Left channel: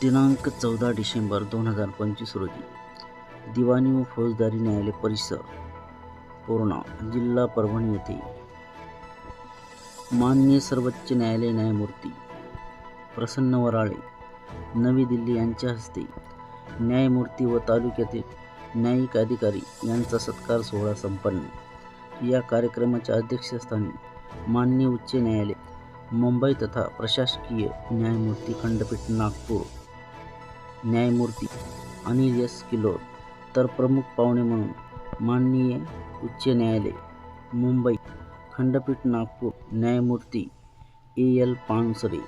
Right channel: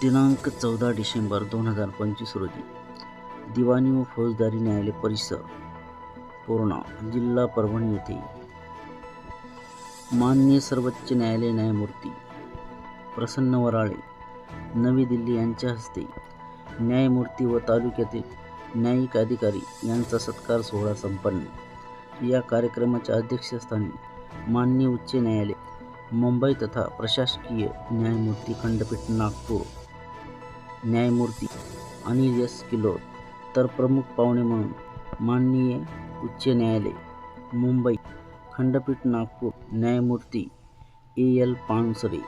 दिनांक 14 डिसेंबर 2025 रोजी दिवाणी व फौजदारी न्यायालय परिसर पूर्णा जिल्हा परभणी येथे माननीय सर्वोच्च न्यायालय न्यायमूर्ती प्रसन्न वराळे नवी दिल्ली यांच्या हस्ते न्यायमूर्ती व तालुक्यातील न्यायिक अधिकारी यांचा सत्कार सोहळा संपन्न। या कार्यक्रमाच्या अध्यक्षस्थानी माननीय उच्च न्यायालय मुंबई तथा प्रशासकीय न्यायमूर्ती खंडपीठ नागपूर न्यायमूर्ती अनिल एस किलोर तर प्रमुख पाहुणे म्हणून माननीय उच्च न्यायालय मुंबई खंडपीठ नागपूर न्यायमूर्ती एल पानसरे,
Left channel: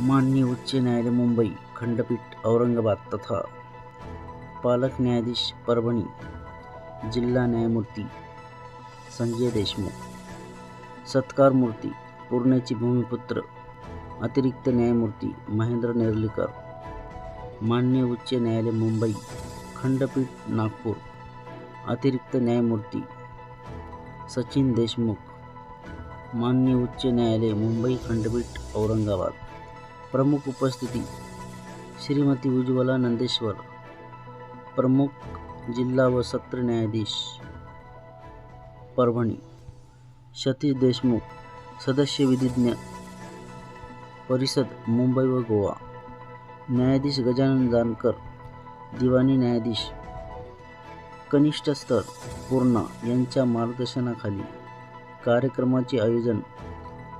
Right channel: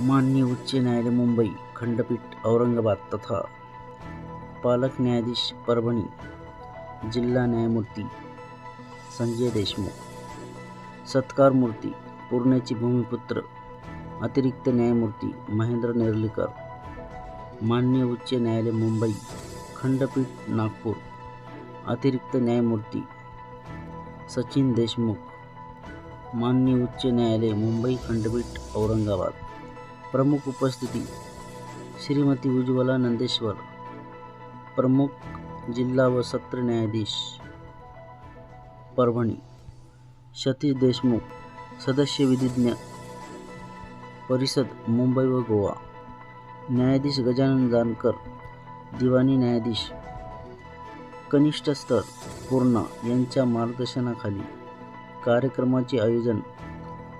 माननीय उच्च न्यायालय मुंबई खंडपीठ औरंगाबाद तथा पालक न्यायाधीश परभणी जिल्हा न्यायमूर्ती संजय देशमुख, सत्कार मूर्ती पूर्णेचे भूमिपुत्र अतिरिक्त न्यायमूर्ती महेंद्र नेर्लीकर, माननीय उच्च न्यायालय मुंबई खंडपीठ नागपूर अतिरिक्त न्यायमूर्ती सचिन देशमुख, माननीय उच्च न्यायालय मुंबई खंडपीठ औरंगाबाद। प्रमुख उपस्थिती श्रीमती उज्ज्वला नंदेश्वर, प्रमुख जिल्हा व सत्र न्यायाधीश परभणी सतीश देशमुख, सदस्य विधिज्ञ परिषद मुंबई व गोवा, न्यायाधीश गजानन जानकर, दिवाणी न्यायाधीश कनिष्ठ स्तर पूर्णा यांच्या मार्गदर्शनाखाली कार्यक्रमाचे आयोजन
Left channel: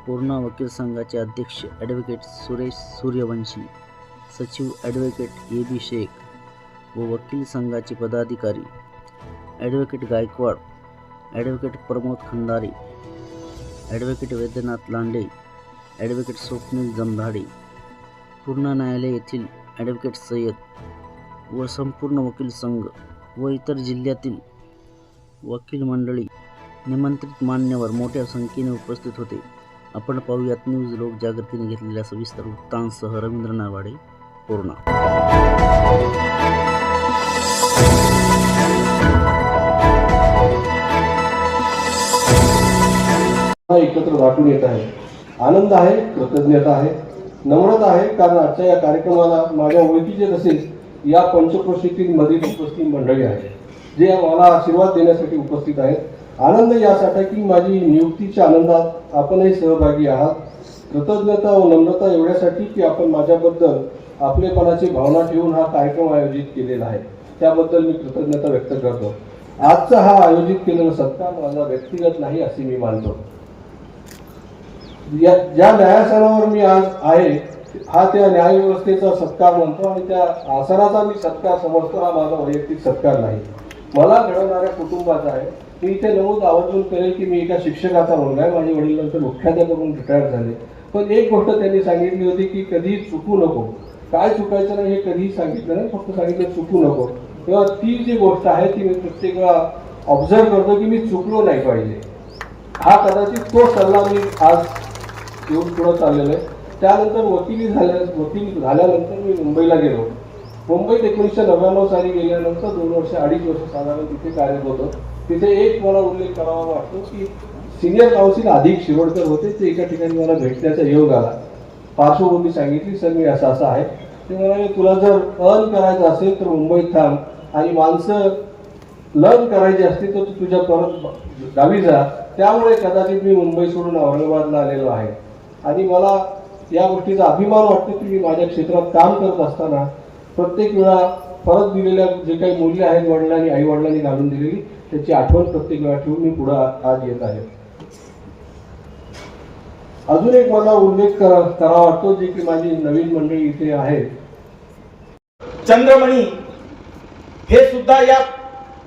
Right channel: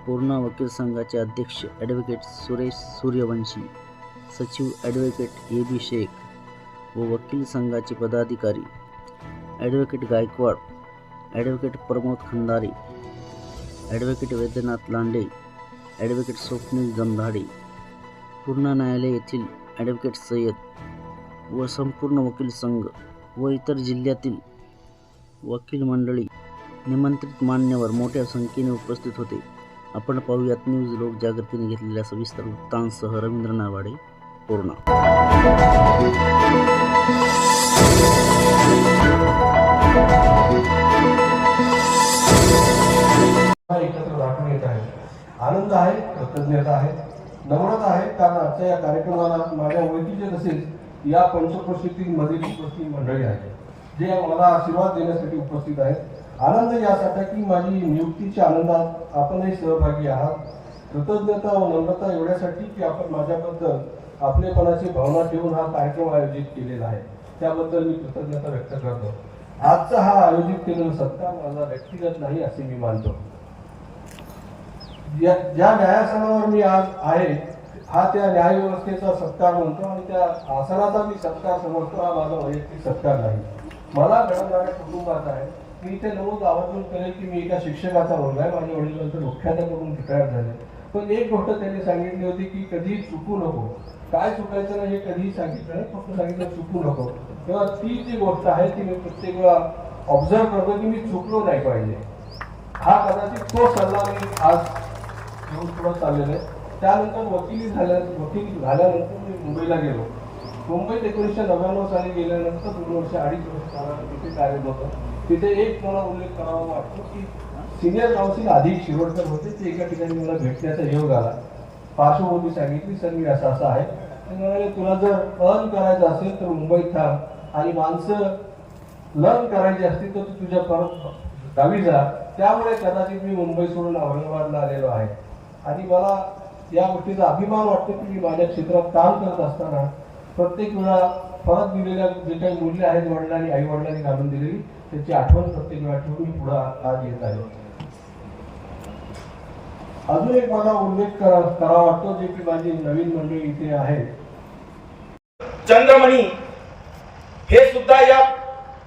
पूर्णा वकील संघाचे अध्यक्ष ॲडव्होकेट सुरेश सूर्यवंशी, सचिव ॲडव्होकेट ए.बी. शेख व वकील संघाचे पदाधिकारी advocate Gaikwad, advocate Pramod Khandare, advocate Vaidyanath Lande, advocate Swapnil Jamdhade, Purna न्यायालय येथील ॲडव्होकेट सय्यद व संपूर्ण वकील संघ व इतर जिल्ह्यातील वकील मंडळी निमंत्रित मान्यवर मोठ्या संख्येने उपस्थित होते। आपण पाहूयात न्यूज लोक जागृतीने घेतलेल्या सविस्तर वृत्तांसह रवींद्र नावाडे, पूर्णा। एकत्र दाखवून येत आहे। आनंद आहे, कृतज्ञता आहे, नम्रता आहे, कारण आजच्या या कार्यक्रमाला माझ्या ओळखीचे तसेच या पंचक्रोशीतील मधील उपस्थित मंडळी आहे जे मला आशीर्वाद देण्यासाठी उपस्थित आहेत। आनंद यासाठी की माझी नियुक्तीच्या आनंदात आपणही सहभागी आहात। कृतज्ञता व नम्रता एवढ्यासाठी की आपण माझ्याबद्दल आपलेपणाची भावना ठेवून हा कार्यक्रम आयोजित केलेला आहे, त्याबद्दल मी कृतज्ञता व्यक्त करतो। आजचा हा आयोजित केलेला सत्कार माझा व्यक्तिगत नाही असे मी मानतो। ज्या न्यायासनावर मी आज आहे हा त्या न्यायव्यवस्थेचा सत्कार म्हणतो आणि त्या आसनाचा मी सत्कार समजतो। हा माझा वैयक्तिक सत्कार नाही, मला घडवणाऱ्या कुटुंबाचा आहे। मी इथे नमूद आवर्जून करेल की मी एका शिक्षकाचा मुलगा आहे। माझे वडील नंतर मुख्याध्यापक म्हणून रिटायर झाले, पण एक गोष्ट त्यांनी सांगितली होती की कधी चुकू नको। काय चुकायचं नाही हे कधीही सांगितलं नाही, फक्त सांगितलं चुकू नको। तेव्हा ती जी गोष्ट आहे ती मी प्रत्येक वेळा ऑब्झर्व करतो की मी चुकलो नाही पाहिजे। हा कदाचित तो सल्ला मी आज घेऊन पुढे चाललेलो आहे। त्यानंतर वकील झाल्यानंतर मी मुंबईला गेलो। मुंबईत 1999 साली गेल्यानंतर 2 वर्ष 2.5 वर्ष साधारण तिथे कार्यरत होतो। तिथे एक मला उल्लेख करावा वाटतो की सिनियर काउन्सिल अधिक शिरोडकर होते, ते एका ठिकाणी मला भेटण्याचा योग आला। पार्श्वभूमी सांगितली, सर मी असं आहे। ते म्हणाले तुला जर अर्न करायचं असेल तर मुंबईत थांब आणि माणसं लर्न करायची असतील तर तू तुझ्या परत गावी जा। त्यामुळे कदाचित मी मुंबई सोडून औरंगाबादला आलेलो आहे आणि मला या गोष्टीचा अभिमान वाटतो की मी माझ्या क्षेत्रात काम करत असताना प्रत्येक वेळा परत दिलेल्या जे काही मूल्य आहेत वडिलांनी आई वडिलांनी घालून दिलेली त्याची आठवण प्रत्येक वेळा ठेवून मी पुढे आज येत आहे। अजून एक मला उल्लेख करावा वाटतो जे की माझी नवीन मंडळी इथे आहे। चंद्रमणी हे सुद्धा या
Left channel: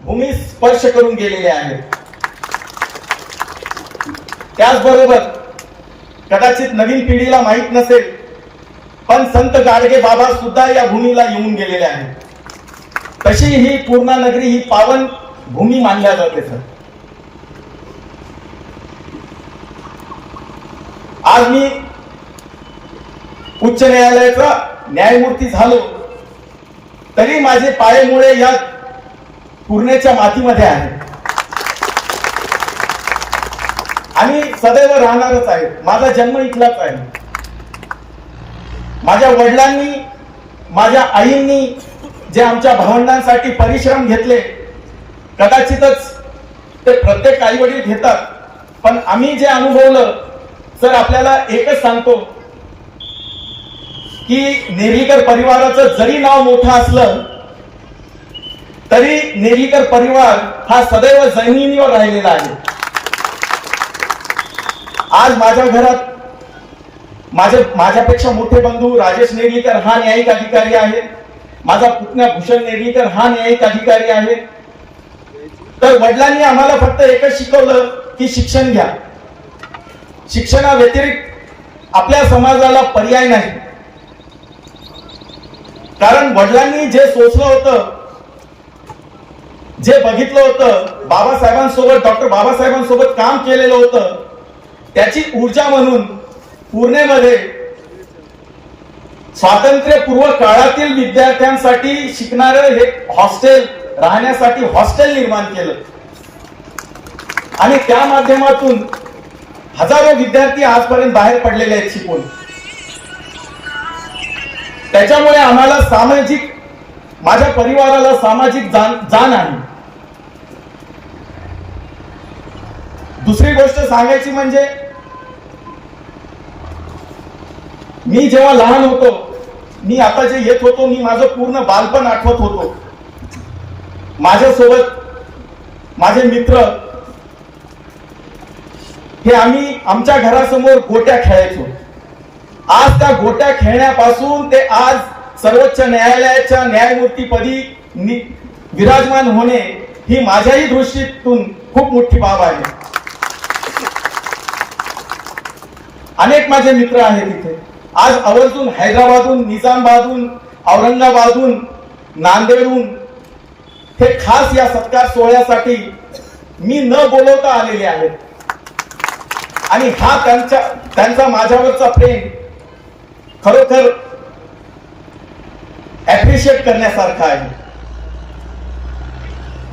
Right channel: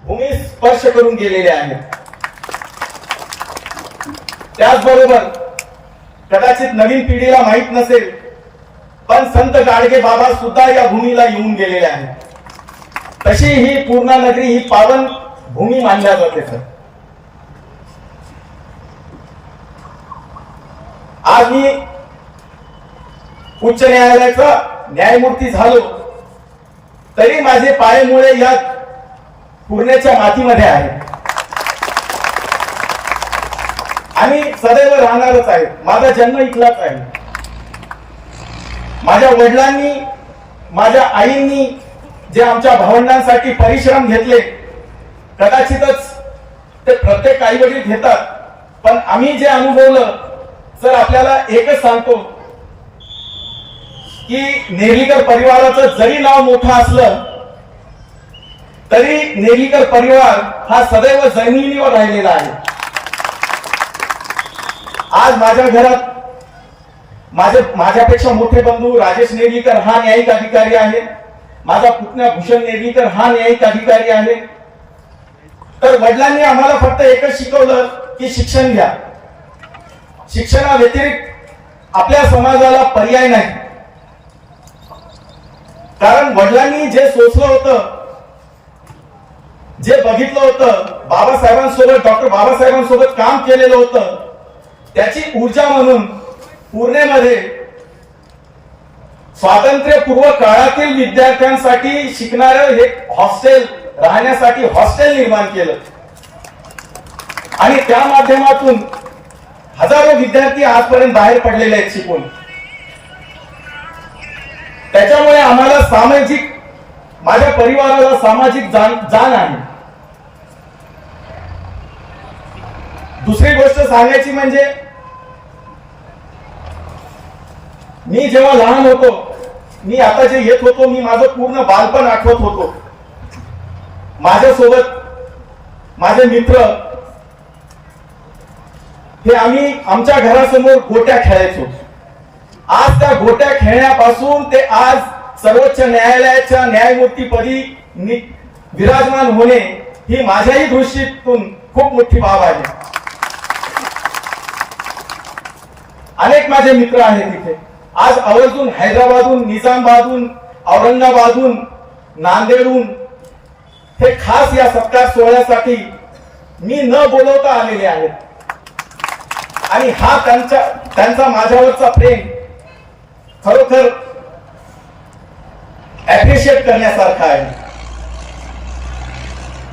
भूमीस स्पर्श करून गेलेले आहेत। त्याचबरोबर कदाचित नवीन पिढीला माहित नसेल पण संत गाडगे बाबा सुद्धा या भूमीला येऊन गेलेले आहेत। तशी ही पूर्णा नगरी ही पावन भूमी मानल्या जाते। सर आज मी उच्च न्यायालयाचा न्यायमूर्ती झालो तरी माझे पायमुळे या पूर्णेच्या मातीमध्ये आहे आणि सदैव राहणारच आहे। माझा जन्म इथलाच आहे। माझ्या वडिलांनी माझ्या आईंनी जे आमच्या भावंडांसाठी परिश्रम घेतले, कदाचितच ते प्रत्येक आई वडील घेतात, पण आम्ही जे अनुभवलं, सर आपल्याला एकच सांगतो की नेर्लीकर परिवाराचं जरी नाव मोठं असलं तरी नेर्लीकर परिवार हा सदैव जमिनीवर राहिलेला आहे. आज माझ्या घरात माझ्यापेक्षा मोठे बंधू राजेश नेर्लीकर हा न्यायिक अधिकारी आहे, माझा पुतण्या भूषण नेर्लीकर हा न्यायिक अधिकारी आहे. तर वडिलांनी आम्हाला फक्त एकच शिकवलं की शिक्षण घ्या. शिक्षणाव्यतिरिक्त आपल्या समाजाला पर्याय नाही. कारण वडिलांनी जे सोचलं होतं, जे बघितलं होतं, बाबासाहेबांसोबत डॉक्टर बाबासाहेबांसोबत काम केलेलं होतं, त्याची ऊर्जा म्हणून पुणेमध्ये स्वातंत्र्यपूर्व काळातील विद्यार्थ्यांसाठी शिकणारं हे हॉस्टेल, राहण्यासाठी हॉस्टेल निर्माण केलं आणि त्या माध्यमातून हजारो विद्यार्थी आजपर्यंत बाहेर पडलेले आहेत शिकून. त्याच्यामुळे आम्हाला सामाजिक, माझ्या परिवाराला सामाजिक जाण आहे. दुसरी गोष्ट सांगायची म्हणजे मी जेव्हा लहान होतो, मी आता जे येत होतो, मी माझं पूर्ण बालपण आठवत होतो. माझ्यासोबत माझे मित्र हे आम्ही आमच्या घरासमोर गोट्या खेळायचो. आज त्या गोट्या खेळण्यापासून ते आज सर्वोच्च न्यायालयाच्या न्यायमूर्तीपदी विराजमान होणे ही माझ्याही दृष्टीतून खूप मोठी बाब आहे. अनेक माझे मित्र आहेत तिथे. आज आवर्जून हैदराबादहून, निजामाबादहून, औरंगाबादहून, नांदेडहून हे खास या सत्कार सोहळ्यासाठी मी न बोलवता आलेले आहेत. आणि हा त्यांचा माझ्यावरचा प्रेम खरोखर अप्रिशिएट करण्यासारखा आहे.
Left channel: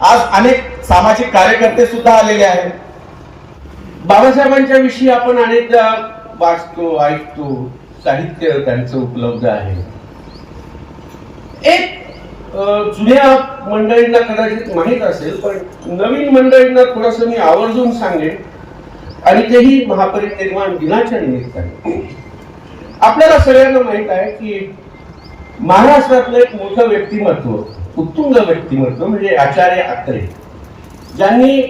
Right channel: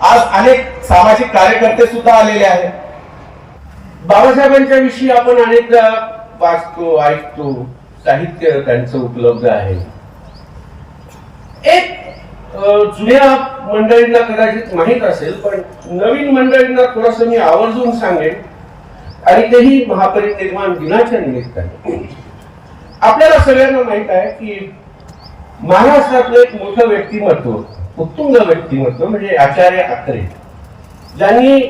आज अनेक सामाजिक कार्यकर्ते सुद्धा आलेले आहेत. बाबासाहेबांच्या विषयी आपण अनेकदा वाचतो, ऐकतो, साहित्य त्यांचं उपलब्ध आहे. एक जुन्या मंडळींना कदाचित माहित असेल, पण नवीन मंडळींना थोडस मी आवर्जून सांगेन, आणि तेही महापरिनिर्वाण दिनाच्या निमित्ताने. आपल्याला सगळ्यांना माहित आहे की महाराष्ट्रातलं एक मोठं व्यक्तिमत्व, उत्तुंग व्यक्तिमत्व म्हणजे आचार्य अत्रे, ज्यांनी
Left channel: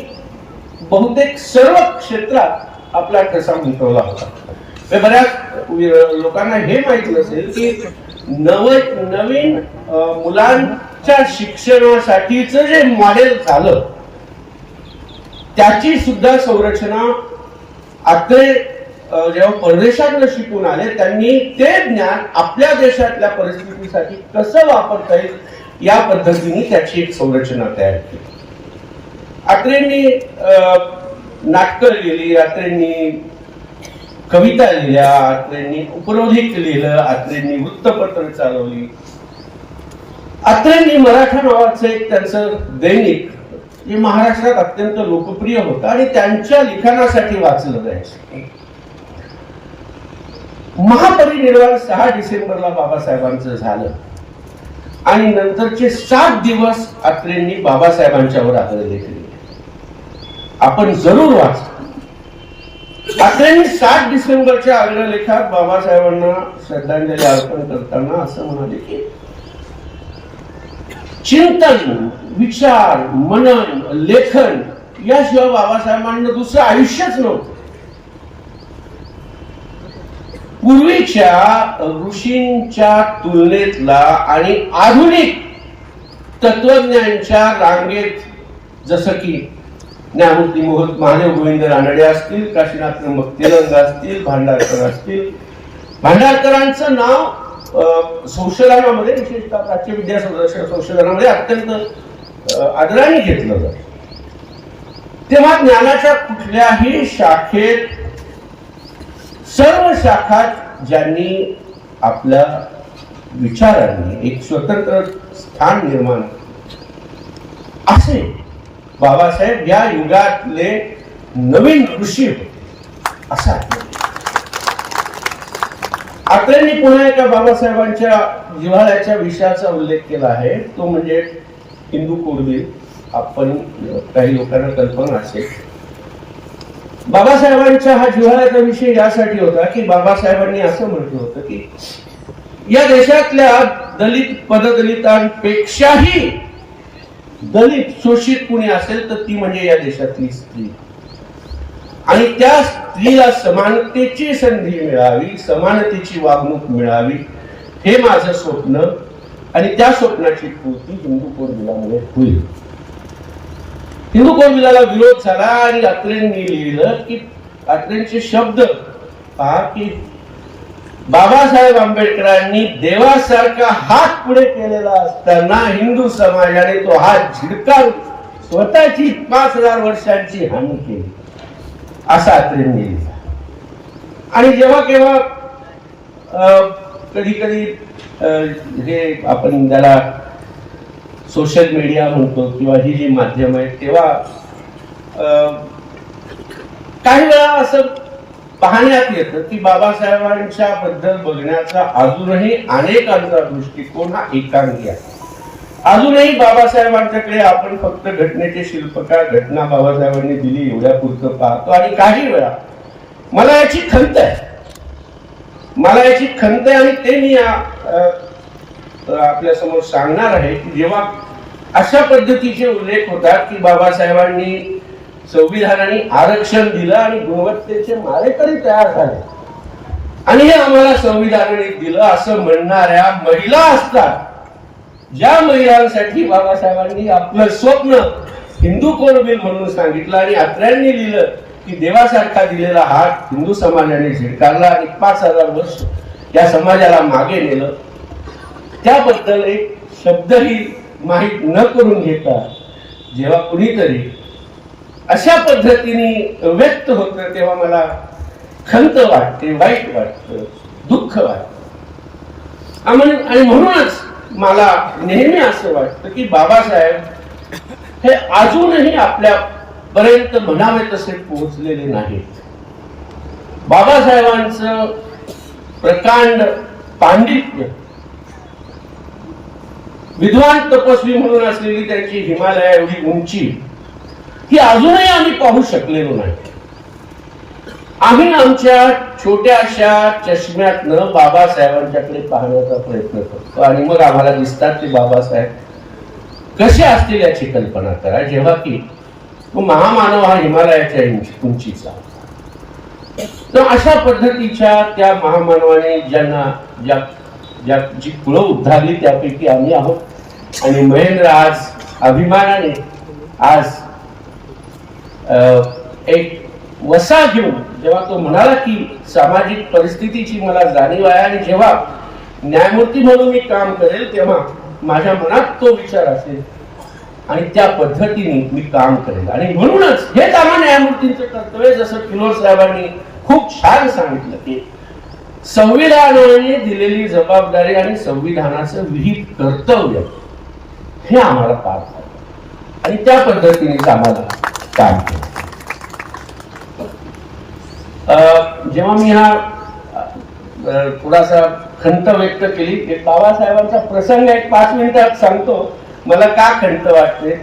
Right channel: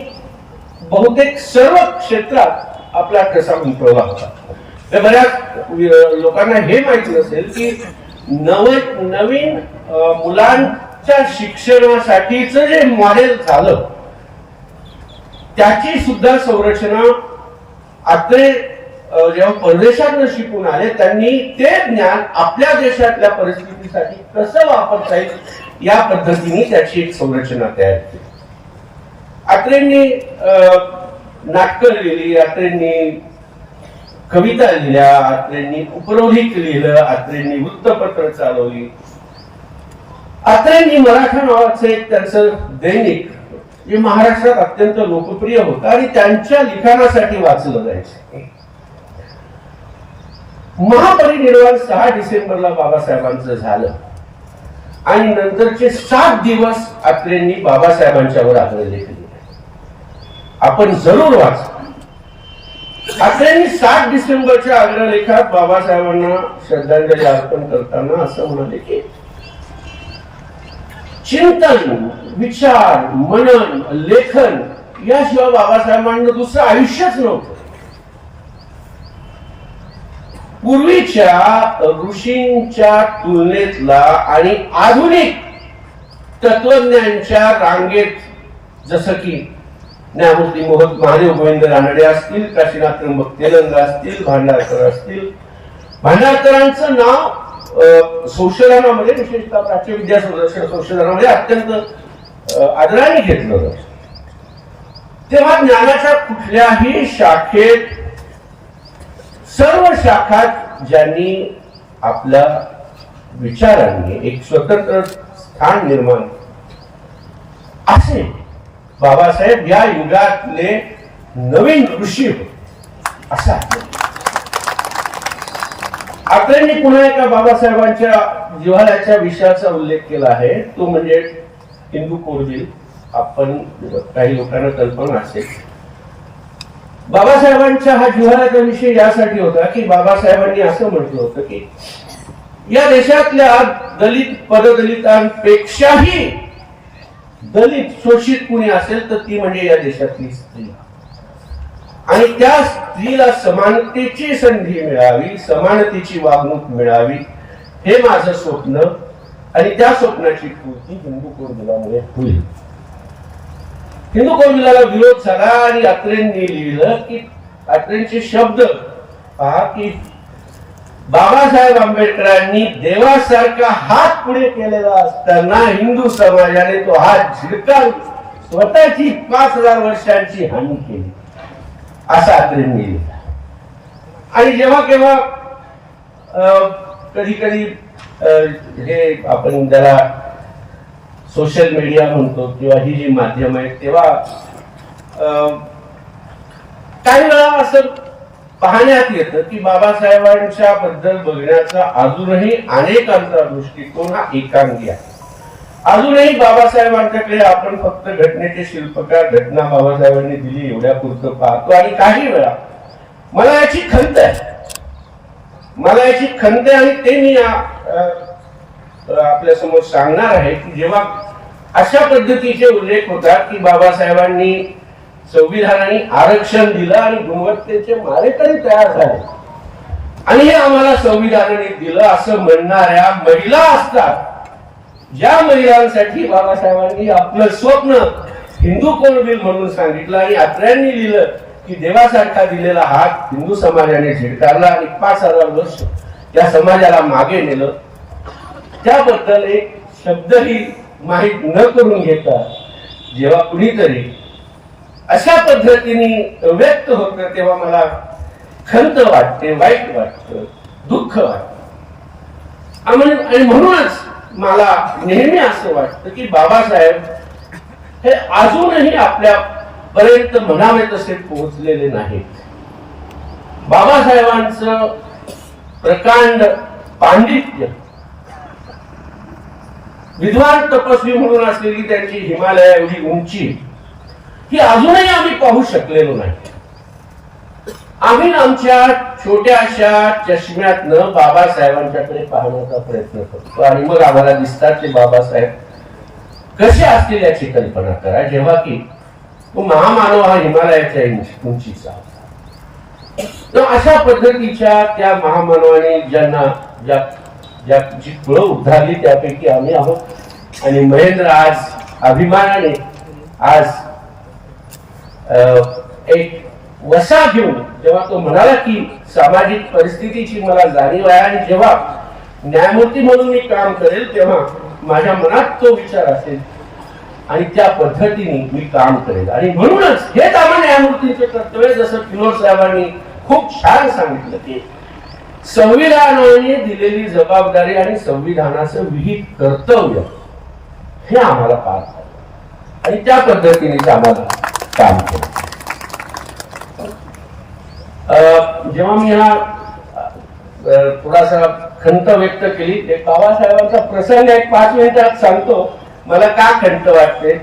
बहुतेक सर्व क्षेत्रात आपला ठसा उमटवला होता. बऱ्याच लोकांना हे माहिती नसेल की नवीन मुलांच्या शिक्षणासाठीच जे मॉडेल झालं त्याची सुद्धा संरचना अत्रे जेव्हा परदेशात शिकून आले, त्यांनी ते ज्ञान आपल्या देशातल्या परिस्थितीसाठी कसं वापरता येईल या पद्धतीने त्याची एक संरचना तयार केली. अत्रेंनी नाटकं लिहिली, अत्रेंनी कविता लिहिल्या, अत्रेंनी उपरोधिक लिहिलं, अत्रेंनी वृत्तपत्र चालवली. अत्रेंनी मराठा नावाचं एक त्यांचं दैनिक जे महाराष्ट्रात अत्यंत लोकप्रिय होतं आणि त्यांच्या लिखाणासाठी वाचलं जायचं. महापरिनिर्वाण 6 डिसेंबरला बाबासाहेबांचं झालं आणि नंतरचे 7 दिवस अत्रेंनी बाबासाहेबांच्यावर आग्रहलेख लिहिले. आपण जरूर वाचा. अत्रेंनी 7 डिसेंबरच्या आग्रहलेखात बाबासाहेबांना श्रद्धांजली अर्पण करताना असं म्हणाले की चिंतन, विचार, मनन, लेखन याशिवाय बाबासाहेबांना दुसरं आयुष्यच नव्हतं. पूर्वीच्या ऋषींच्या तुलनेतला आणि आधुनिक तत्वज्ञांच्या रांगेत जसं की न्यायमूर्ती महादेव गोविंद रानडे असतील, काशीनाथ तेलंग असतील, भांडारकर असतील, भांडारकरांचं नाव संशोधनामध्ये, विशेषतः प्राच्य विद्या संरक्षण संशोधनामध्ये अत्यंत आदराने घेतलं जातं. तेव्हा ज्ञानाच्या कुठल्याही शाखेत, सर्व शाखात ज्यांनी आपल्या विचारांनी एक स्वतंत्र स्थान निर्माण असे बाबासाहेब या युगातले नवीन ऋषी होते. असा आत्रेंनी पुन्हा एका बाबासाहेबांच्या जिव्हाळ्याच्या विषयाचा उल्लेख केला आहे, तो म्हणजे हिंदू कोड. आपण काही लोकांना कल्पना असेल, बाबासाहेबांच्या हा जिव्हाळ्याचा विषय यासाठी होता की बाबासाहेबांनी असं म्हटलं होतं की या देशातल्या दलित पददलितांपेक्षाही दलित शोषित कुणी असेल तर ती म्हणजे या देशातली स्त्री, आणि त्या स्त्रीला समानतेची संधी मिळावी, समानतेची वागणूक मिळावी, हे माझं स्वप्न, आणि त्या स्वप्नाची पूर्ती हिंदू कोड बिलामुळे होईल. हिंदू कोड बिलाला विरोध झाला आणि अत्रेंनी लिहिलं की अत्रेंचे शब्द पहा की बाबासाहेब आंबेडकरांनी देवासारखा हात पुढे केलेला असताना हिंदू समाजाने तो हात झिडकारून स्वतःची 5000 वर्षांची हानी केली, असा अत्रेंनी लिहिला. आणि जेव्हा केव्हा कधी कधी हे आपण ज्याला सोशल मीडिया म्हणतो किंवा ही जी माध्यम आहेत, तेव्हा काही वेळा असं पाहण्यात येतं की बाबासाहेबांच्या बद्दल बघण्याचा अजूनही अनेकांचा दृष्टिकोन हा एकांगी आहे. अजूनही बाबासाहेबांच्याकडे आपण फक्त घटनेचे शिल्पकार, घटना बाबासाहेबांनी दिली एवढ्या पुरतं पाहतो. आणि काही वेळा मला याची खंत आहे, आणि ते मी आपल्या समोर सांगणार आहे की जेव्हा अशा पद्धतीचे उल्लेख होतात की बाबासाहेबांनी संविधानाने आरक्षण दिलं आणि गुणवत्तेचे मारेकरी तयार झाले, आणि हे आम्हाला संविधानाने दिलं असं म्हणणाऱ्या महिला असतात, ज्या महिलांसाठी बाबासाहेबांनी आपलं स्वप्न हिंदू कोड बिल म्हणून सांगितलं आणि अत्र्यांनी लिहिलं की देवासारखा दिलेला हात हिंदू समाजाने झिडकारला आणि 5000 वर्ष त्या समाजाला मागे नेलं, त्याबद्दल एक शब्दही माहीत न करून घेता जेव्हा कुणीतरी अशा पद्धतीने व्यक्त होत तेव्हा मला खंत वाटते, वाईट वाटतं, दुःख वाटतं. आणि म्हणूनच मला नेहमी असं वाटतं की बाबासाहेब हे अजूनही आपल्या पर्यंत म्हणावे तसे पोहोचलेले नाहीत. बाबासाहेबांचं प्रकांड पांडित्य, विद्वान तपस्वी म्हणून असलेली त्यांची हिमालया एवढी उंची ही अजूनही आम्ही पाहू शकलेलो नाही. आम्ही आमच्या छोट्याशा चष्म्यातनं बाबासाहेबांच्याकडे पाहण्याचा प्रयत्न करतो आणि मग आम्हाला दिसतात ते बाबासाहेब कसे असतील याची कल्पना करा, जेव्हा की तो महामानव हा हिमालयाच्या उंचीचा. तर अशा पद्धतीच्या त्या महामानवाने ज्यांची कुळं उद्धारली त्यापैकी आम्ही आहोत. आणि महेंद्र आज अभिमानाने आज एक वसा घेऊन जेव्हा तो म्हणाला की सामाजिक परिस्थितीची मला जाणीव आहे आणि जेव्हा न्यायमूर्ती म्हणून मी काम करेल तेव्हा माझ्या मनात तो विचार असेल आणि त्या पद्धतीने मी काम करेल. आणि म्हणूनच हेच आम्हा न्यायमूर्तींचं कर्तव्य, जसं किलोर साहेबांनी खूप छान सांगितलं की संविधानाने दिलेली जबाबदारी आणि संविधानाचं विहित कर्तव्य हे आम्हाला पार पाडतं आणि त्या पद्धतीने आम्हाला काम केलं. जेव्हा मी हा थोडासा खंत व्यक्त केली, बाबासाहेबांचा प्रसंग एक 5 मिनिटात सांगतो मला का खंत वाटते.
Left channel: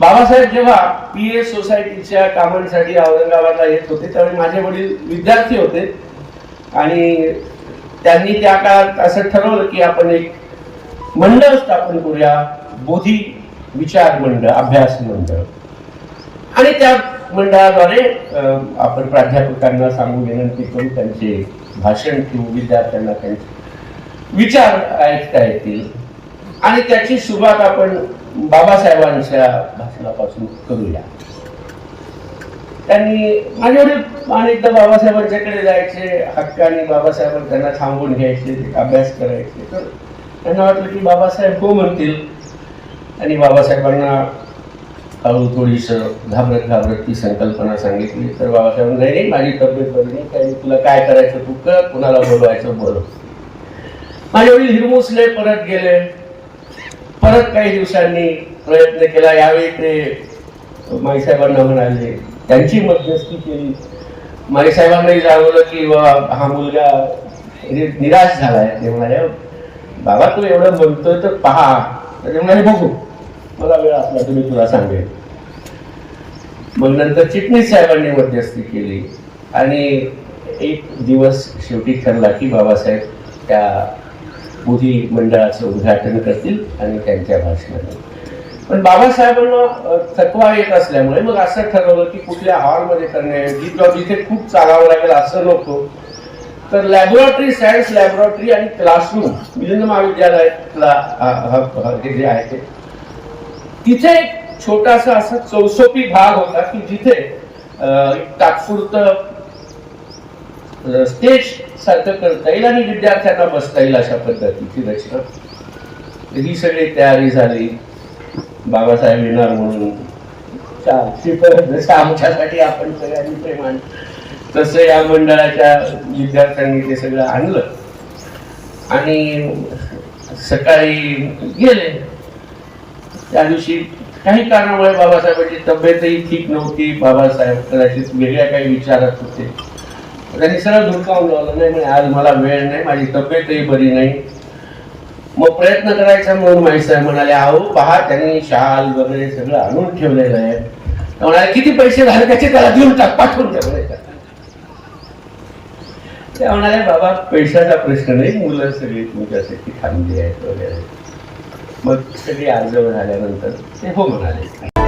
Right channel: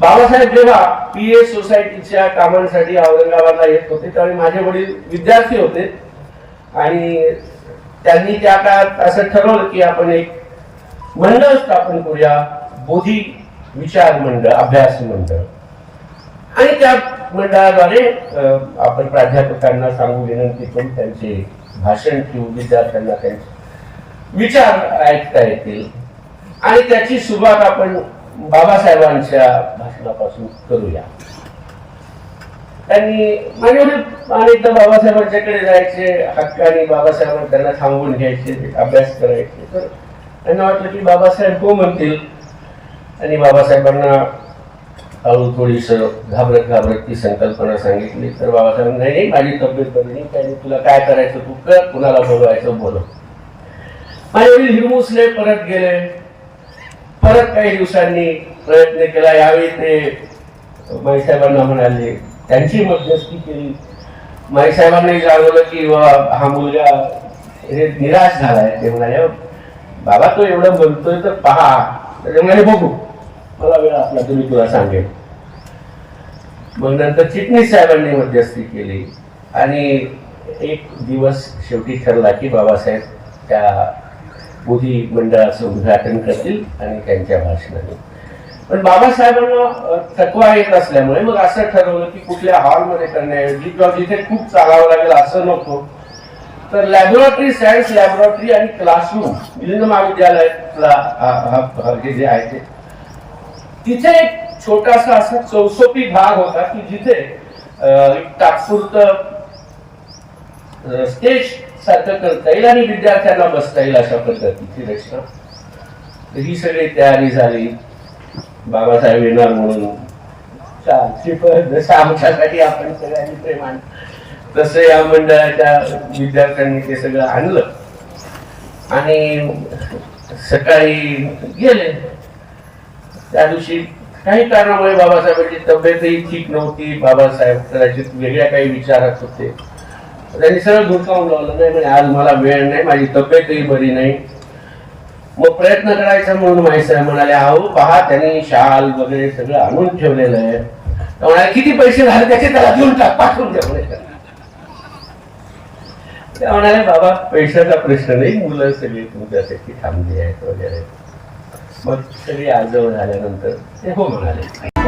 बाबासाहेब जेव्हा PA सोसायटीच्या कामांसाठी औरंगाबादला येत होते त्यावेळी माझे वडील विद्यार्थी होते आणि त्यांनी त्या काळात असं ठरवलं की आपण एक मंडळ स्थापन करूया, बोधी विचार मंडळ, अभ्यास मंडळ. आणि त्या मंडळाद्वारे आपण प्राध्यापकांना सांगू विनंती करून त्यांचे भाषण किंवा विद्यार्थ्यांना त्यांचे विचार ऐकता येतील आणि त्याची सुरुवात आपण बाबासाहेबांच्या भाषणापासून करूया. त्यांनी माझ्याकडे अनेकदा बाबासाहेबांच्याकडे जायचे, हक्काने बाबासाहेबांना त्यांना थांबवून घ्यायचे, अभ्यास करायचे. तर त्यांना वाटलं की बाबासाहेब हो म्हणतील आणि बाबासाहेबांना हळू थोडीस घाबरत ती संकल्पना सांगितली. तर बाबासाहेब नाही, माझी तब्येत बरी नाही, त्यांनी तुला काय करायचं तू कर, कुणाला बोलवायचं बोलव. माझे वडील हिरमुसले परत गेले. परत काही दिवसांनी प्रयत्न केला. यावेळी ते माईसाहेबांना म्हणाले, त्यांची मध्यस्थी केली. माई साहेबांनाही जाणवलं की हा मुलगा निराश झालाय. ते म्हणाले बाबा तो एवढं बोलतोय तर पहा. ते म्हणाले बघू, मला वेळ असला तर मी तुला सांगेन. मग नंतर चिटणीस साहेबांनी मध्यस्थी केली आणि एक दिवस शेवटी ठरला की बाबासाहेब त्या बुधी मंडळाचं उद्घाटन करतील आणि त्यांच्या भाषणाने. पण बाबासाहेबांना थकवा येत असल्यामुळे मग असं ठरवलं की कुठल्या हॉलमध्ये करण्याऐवजी किंवा जिथे खूप चालावं लागेल असं नको, तर लॅबोरेटरी, सायन्स लॅबोरेटरी आणि क्लासरूम मिलिंद महाविद्यालयातला जे आहे ते तिथे एक छोटासा असा चौसोपी भाग होता की जिथे एक तात्पुरतं स्टेज सारखं करता येईल आणि विद्यार्थ्यांना बसता येईल अशा पद्धतीची रचना. ही सगळी तयारी झाली. बाबासाहेब येणार म्हणून आमच्यासाठी आपण सगळ्यांनी प्रेमान तसं या मंडळाच्या विद्यार्थ्यांनी ते सगळं आणलं आणि सकाळी गेले. त्या दिवशी काही कारणामुळे बाबासाहेबांची तब्येतही ठीक नव्हती. बाबासाहेब कदाचित वेगळ्या काही विचारात होते. त्यांनी सगळं धुडकावून लावलं, नाही म्हणे आज मला वेळ नाही, माझी तब्येतही बरी नाही. मग प्रयत्न करायचा म्हणून माईसाहेब म्हणाले अहो पहा त्यांनी शाल वगैरे सगळं आणून ठेवलेलं आहे. म्हणाले किती पैसे झाले त्याचे त्याला देऊन टाक, पाठवून ठेवले. ते म्हणाले बाबा पैशाचा प्रश्न नाही, मुलं सगळी तुमच्यासाठी थांबली आहेत वगैरे. मग सगळी आजवळ झाल्यानंतर ते हो म्हणाले.